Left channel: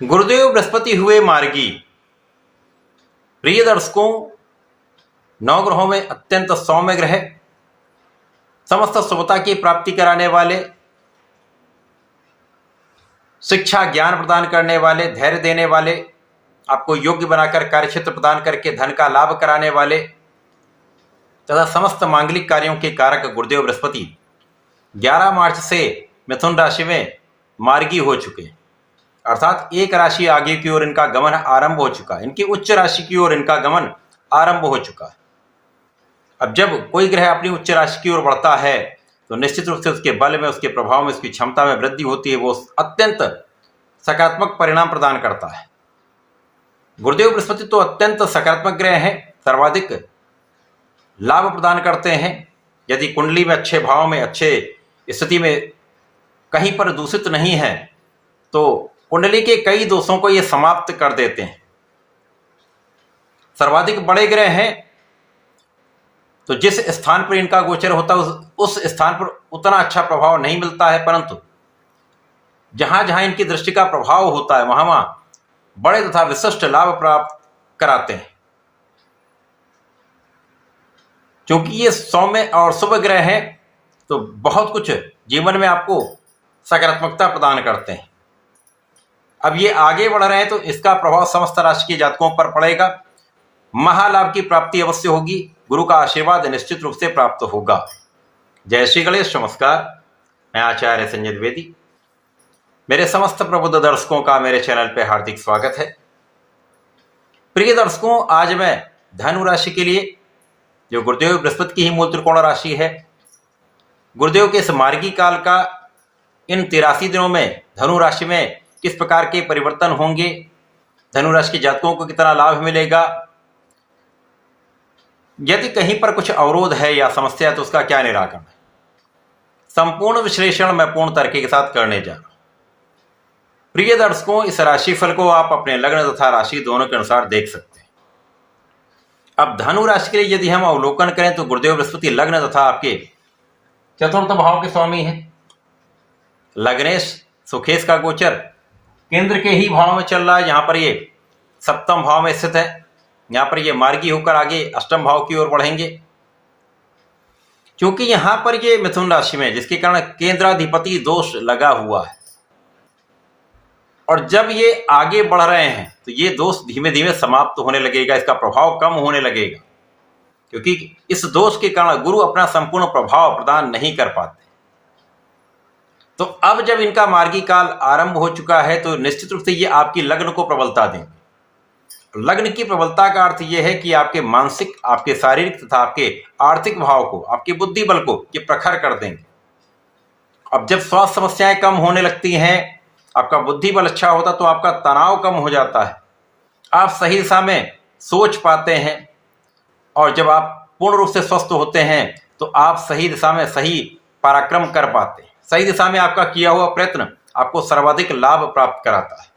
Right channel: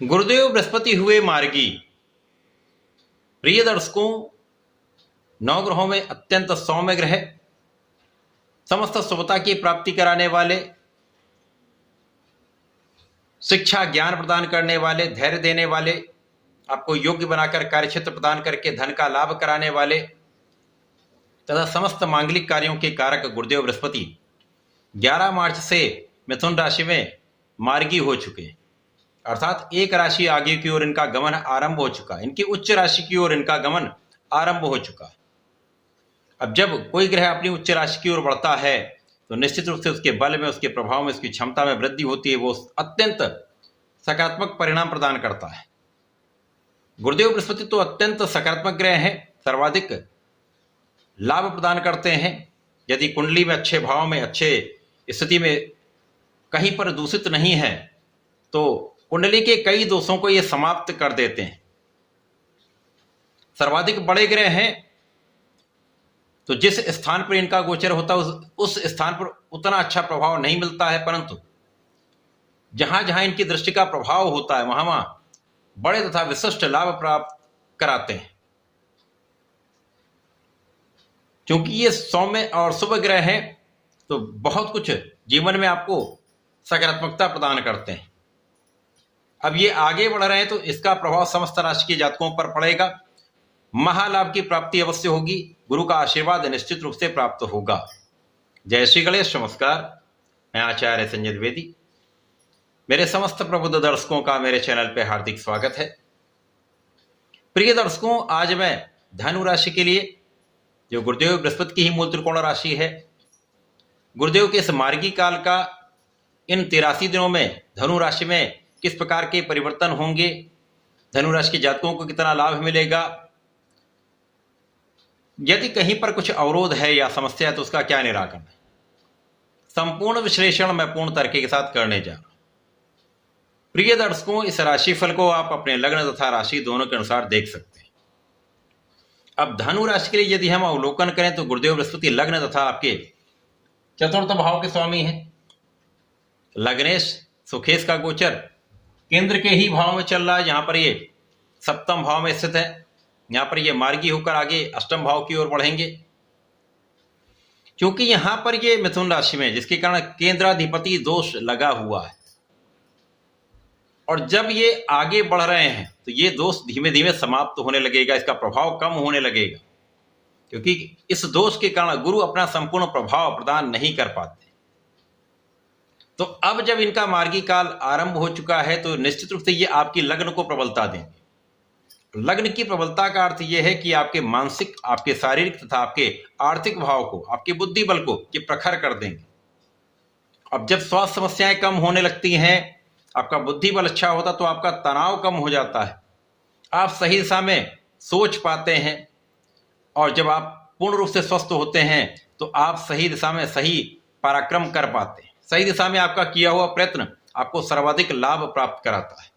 गुरुदेव बृहस्पति हुए मार्गी। प्रिय दर्शकों, नवग्रहों में अत्यंत सौम्य ग्रह, समस्त शुभता की प्राप्ति कराने वाले, शिक्षा ज्ञान प्रदान करने वाले, धैर्य देने वाले, आपको योग्य बनाकर कार्यक्षेत्र प्रदान करके धन का लाभ कराने वाले तथा समस्त मांगलिक कार्यों के कारक गुरुदेव बृहस्पति 11 मार्च से मिथुन राशि में मार्गी हो चुके, अर्थात एक राशि आगे की ओर इनका गमन आरंभ हो चुका है। इनकी उच्च राशि की ओर इनका गमन आरंभ हो चुका है। अब जब कोई ग्रह अपनी उच्च राशि की ओर बढ़ता है तो निश्चित रूप से उसके बल में, उसके प्रभाव में, उसकी क्षमता में वृद्धि होती है। वो अत्यंत सकारात्मक परिणाम प्रदान करता है। गुरुदेव बृहस्पति तो अत्यंत सकारात्मक ग्रह हैं, सर्वाधिक लाभ प्रदान करते हैं। यदि कुंडली में अच्छे भाव में, अच्छे स्थिति में कहीं पर दूषित नहीं है तो कुंडली के कई दोषों को ये समाप्त कर देते हैं। सर्वाधिक बड़े ग्रह हैं तो जिस स्थान पर इनका गोचर होता है उस स्थान पर उतना अच्छा प्रभाव नहीं मिलता है, परंतु जहां जहां इनकी दृष्टि का प्रभाव होता है वहां वहां बड़े तथा विशिष्ट लाभ प्राप्त कराते हैं। क्योंकि ये सौम्य और शुभ ग्रह हैं तो बहुत कुछ जीवन में आपको सकारात्मकता प्रदान करते हैं। अब ये आगे बढ़ रहे हैं तो इसका प्रभाव समस्त राशि के जातकों पर पड़ेगा। महालाभ की प्राप्ति अवश्य होगी। गुरु का आशीर्वाद निश्चित रूप से प्राप्त होगा। जय श्री गणेश। नमस्कार, मैं आचार्य संजय द्विवेदी। मेरे समस्त प्रबुद्ध दर्शकों का मेरे चैनल पे हार्दिक स्वागत है। प्रिय दर्शकों, आज मैं धनु राशि के लिए, जो गुरुदेव बृहस्पति की ही मूल त्रिकोण राशि है, गुरुदेव के इस मार्गी काल का इन 83 दिनों में धनु राशि में किस प्रकार के परिवर्तन होंगे, धनु राशि के जातकों को कितना लाभ मिलेगा, यदि कहीं पर कुछ अवरोध है या समस्या है तो उसका क्या निराकरण है, संपूर्ण विश्लेषण मैं पूर्ण तरीके के साथ करने जा रहा हूं। प्रिय दर्शकों, इस राशिफल को आप अपने लग्न तथा राशि दोनों के अनुसार देख सकते हैं। अब धनु राशि के लिए यदि हम अवलोकन करें तो गुरुदेव बृहस्पति लग्न तथा आपके चतुर्थ भाव के स्वामी हैं। लग्नेश सुखेश का गोचर केंद्र के ही भाव में चल रहा है, जहां पर ये सप्तम भाव में स्थित है। यहां पर ये मार्गी होकर आगे अष्टम भाव की ओर बढ़ेंगे। क्योंकि यहां पर ये मिथुन राशि में, जिसके कारण केंद्राधिपति दोष लगा हुआ है, और जब ये आगे बढ़ रहे हैं तो ये दोष धीमे धीमे समाप्त होने लगेगा, इसका प्रभाव कम होने लगेगा। क्योंकि इस दोष के कारण गुरु अपना संपूर्ण प्रभाव प्रदान नहीं कर पाते। तो अब जब इनका मार्गी काल आरंभ हो चुका है तो निश्चित रूप से ये आपकी लग्न को प्रबलता देंगे। लग्न की प्रबलता का अर्थ यह है कि आपके मानसिक, आपके शारीरिक तथा आपके आर्थिक भाव को, आपके बुद्धि बल को ये प्रखर कर देंगे। अब जब स्वास्थ्य समस्याएं कम होने लगती हैं, आपका बुद्धि बल अच्छा होता तो आपका तनाव कम हो जाता है, आप सही दिशा में सोच पाते हैं, और जब आप पूर्ण रूप से स्वस्थ होते हैं तो आप सही दिशा में सही पराक्रम कर पाते हैं। सही दिशा में आपका किया हुआ प्रयत्न आपको सर्वाधिक लाभ प्राप्त कराता है।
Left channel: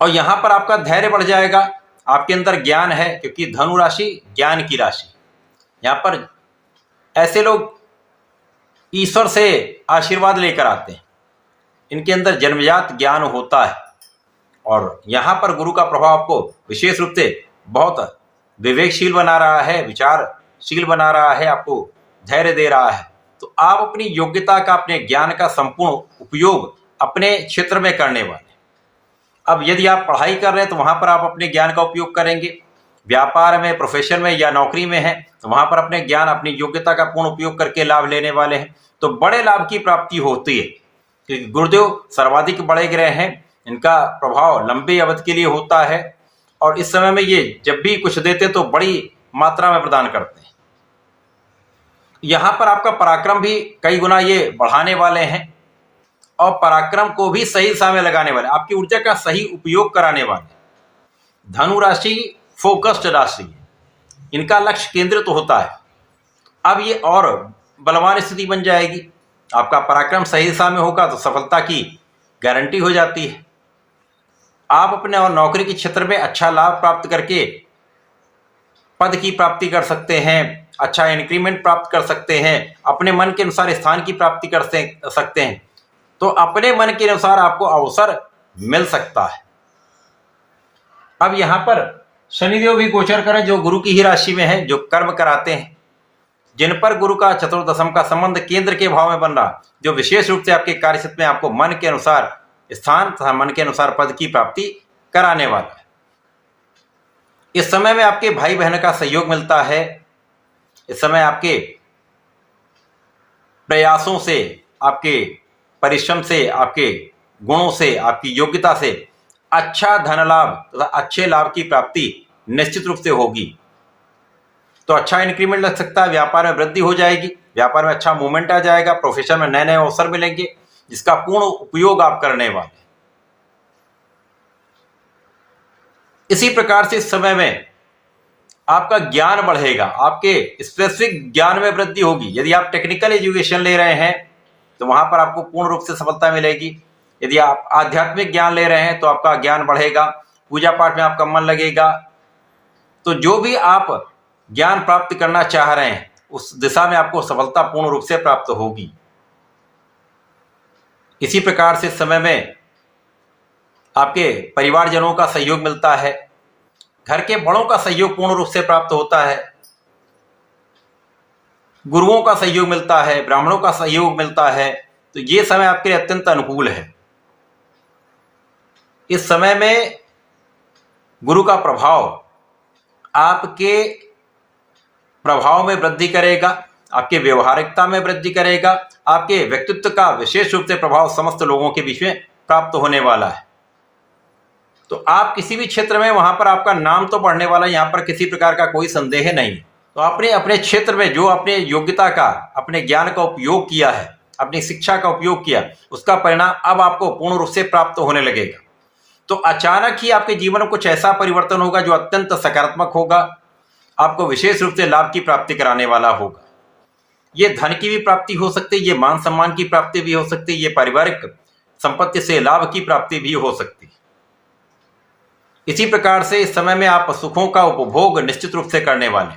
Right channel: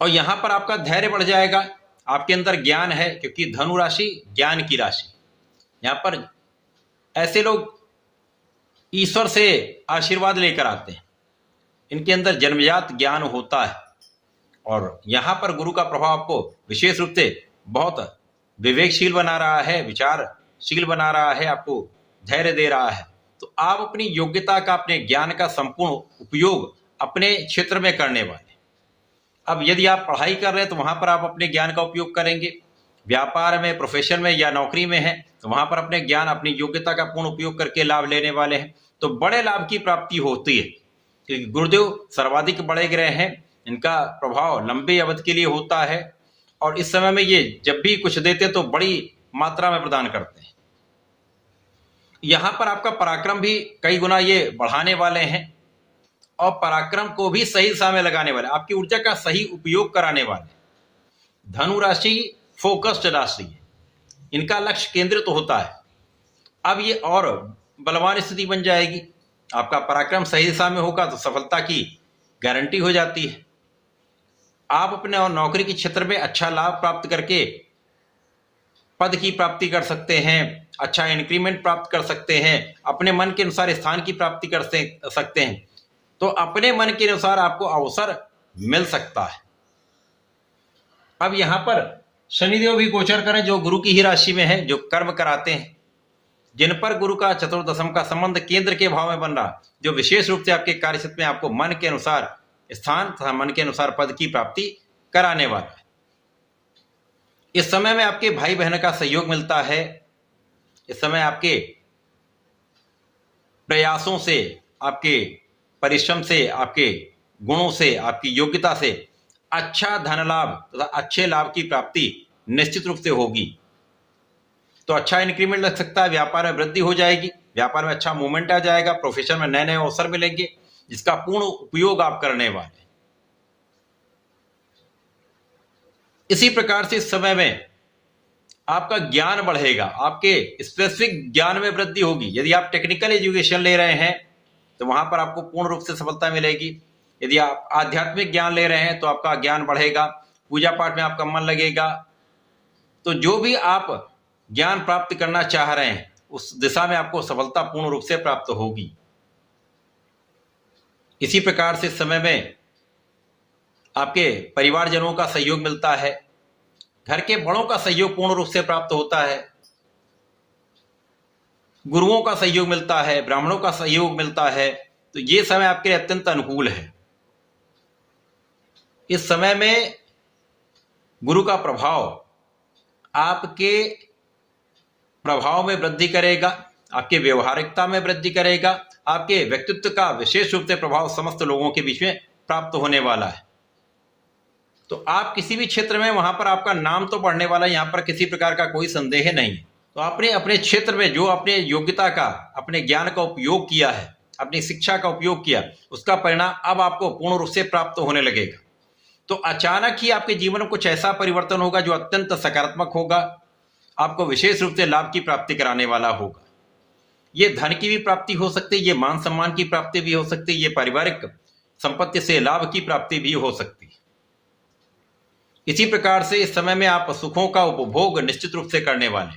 और यहां पर आपका धैर्य बढ़ जाएगा। आपके अंदर ज्ञान है, क्योंकि धनु राशि ज्ञान की राशि। यहां पर ऐसे लोग ईश्वर से आशीर्वाद लेकर आते हैं, इनके अंदर जन्मजात ज्ञान होता है, और यहां पर गुरु का प्रभाव आपको विशेष रूप से बहुत विवेकशील बना रहा है, विचारशील बना रहा है, आपको धैर्य दे रहा है। तो आप अपनी योग्यता का, अपने ज्ञान का संपूर्ण उपयोग अपने क्षेत्र में करने वाले। अब यदि आप पढ़ाई कर रहे हैं तो वहां पर आप अपने ज्ञान का उपयोग करेंगे। व्यापार में, प्रोफेशन में या नौकरी में है तो वहां पर अपने ज्ञान, अपनी योग्यता का पूर्ण उपयोग करके लाभ लेने वाले हैं। तो बड़े लाभ की प्राप्ति होती है, क्योंकि गुरुदेव सर्वाधिक बड़े ग्रह हैं, इनका प्रभाव लंबे अवधि के लिए होता है, और इस समय में ये जब भी कुछ देते तो बड़ी मात्रा में प्रदान करते हैं। यहां पर आपका पराक्रम भी कई गुना ये बढ़ाने वाले हैं, और पराक्रम को भी सही दिशा में लगाने वाले, आपकी ऊर्जा का सही उपयोग कराने वाले। धनु राशि फोकस्ड राशि है, इनका लक्ष्य केंद्रित होता है। अब ये और बलवान स्थिति बन जाएगी। आपका पराक्रम सही दिशा में होगा तो सफलता की गारंटी हो जाती है। आप अपने और नौकरी के क्षेत्र में अच्छा लाभ प्राप्त करके पद की प्राप्ति कर सकते हैं, अच्छा इंक्रीमेंट प्राप्त कर सकते हैं, अपने मन के अनुसार स्थान की प्राप्ति कर सकते हैं। तो अपने मन के अनुसार आपको अवसर मिल सकता है। अब यहां पर शनिदेव भी गोचर करें जो गुरु की ही राशि में है, जो कर्म कराते हैं, जिन पर गुरु का चतुर्दशम का संबंध केंद्र के भाव में बन रहा, जो विशेष रूप से आपके कार्यक्षेत्र में आपको मन के अनुसार स्थान तथा मन के अनुसार पद की प्राप्ति कराने वाला है। इस समय में आपके भाई बहन का सहयोग मिलता है। इस समय आपके प्रयासों से, आपके परिश्रम से, आपके गुणों से, आपकी योग्यता से अच्छा धन लाभ तथा अच्छे लाभ की प्राप्ति निश्चित रूप से होगी। तो अच्छा इंक्रीमेंट लग सकता है, व्यापार में वृद्धि हो जाएगी, व्यापार में अच्छा मूवमेंट आ जाएगा, प्रोफेशन में नए नए अवसर मिलेंगे जिसका पूर्ण उपयोग आप करने वाले। इसी प्रकार से इस समय में आपका ज्ञान बढ़ेगा, आपके स्पेसिफिक ज्ञान में वृद्धि होगी। यदि आप टेक्निकल एजुकेशन ले रहे हैं तो वहां पर आपको पूर्ण रूप से सफलता मिलेगी। यदि आप आध्यात्मिक ज्ञान ले रहे हैं तो आपका ज्ञान बढ़ेगा, पूजा पाठ में आपका मन लगेगा। तो जो भी आप ज्ञान प्राप्त करना चाह रहे हैं उस दिशा में आपको सफलता पूर्ण रूप से प्राप्त होगी। इसी प्रकार से समय में आपके परिवारजनों का सहयोग मिलता है, घर के बड़ों का सहयोग पूर्ण रूप से प्राप्त होता है, गुरुओं का सहयोग मिलता है, ब्राह्मणों का सहयोग मिलता है। तो ये समय आपके लिए अत्यंत अनुकूल है। इस समय में गुरु का प्रभाव आपके प्रभाव में वृद्धि करेगा, आपके व्यवहारिकता में वृद्धि करेगा, आपके व्यक्तित्व का विशेष रूप से प्रभाव समस्त लोगों के बीच में प्राप्त होने वाला है। तो आप किसी भी क्षेत्र में वहां पर आपका नाम तो बढ़ने वाला है, यहां पर किसी प्रकार का कोई संदेह नहीं। तो आपने अपने क्षेत्र में जो अपने योग्यता का, अपने ज्ञान का उपयोग किया है, अपनी शिक्षा का उपयोग किया, उसका परिणाम अब आपको पूर्ण रूप से प्राप्त होने लगेगा। तो अचानक ही आपके जीवन में कुछ ऐसा परिवर्तन होगा जो अत्यंत सकारात्मक होगा, आपको विशेष रूप से लाभ की प्राप्ति कराने वाला होगा। ये धन की भी प्राप्ति हो सकती है, ये मान सम्मान की प्राप्ति भी हो सकती है, ये पारिवारिक संपत्ति से लाभ की प्राप्ति भी हो सकती है। इसी प्रकार से इस समय में आप सुखों का उपभोग निश्चित रूप से करने वाले,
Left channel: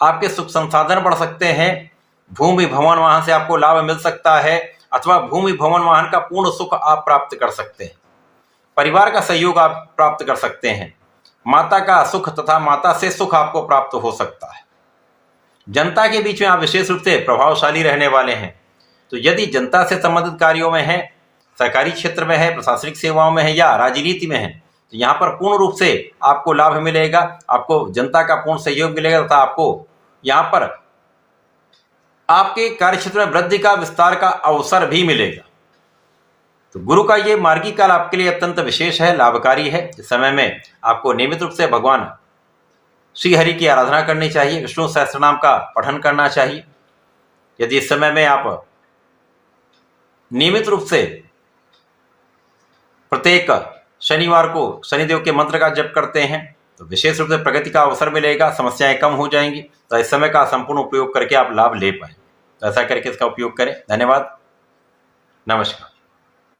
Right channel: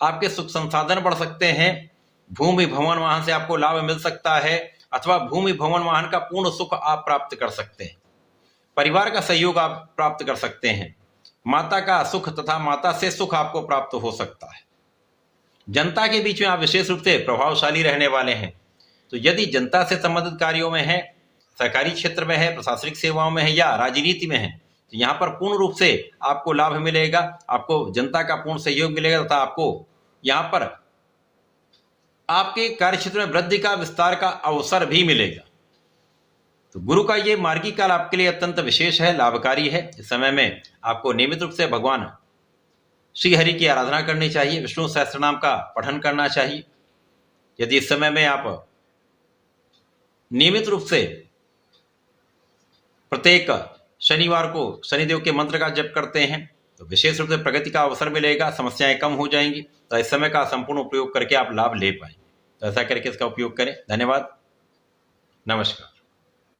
आपके सुख संसाधन बढ़ सकते हैं। भूमि भवन वाहन से आपको लाभ मिल सकता है, अथवा भूमि भवन वाहन का पूर्ण सुख आप प्राप्त कर सकते हैं। परिवार का सहयोग आप प्राप्त कर सकते हैं। माता का सुख तथा माता से सुख आपको प्राप्त हो सकता है। जनता के बीच में आप विशेष रूप से प्रभावशाली रहने वाले हैं। तो यदि जनता से संबंधित कार्यों में है, सरकारी क्षेत्र में है, प्रशासनिक सेवाओं में है या राजनीति में है, तो यहाँ पर पूर्ण रूप से आपको लाभ मिलेगा, आपको जनता का पूर्ण सहयोग मिलेगा तथा आपको यहाँ पर आपके कार्यक्षेत्र में वृद्धि का, विस्तार का अवसर भी मिलेगा। तो गुरु का ये मार्गी काल आपके लिए अत्यंत विशेष है, लाभकारी है। इस समय में आपको नियमित रूप से भगवान श्री हरि की आराधना करनी चाहिए, विष्णु सहस्त्रनाम का पठन करना चाहिए। यदि इस समय में आप नियमित रूप से प्रत्येक शनिवार को शनिदेव के मंत्र का जप करते हैं तो विशेष रूप से प्रगति का अवसर मिलेगा, समस्याएं कम हो जाएंगी। तो इस समय का संपूर्ण उपयोग करके आप लाभ ले पाए। तो ऐसा करके इसका उपयोग करें। धन्यवाद, नमस्कार।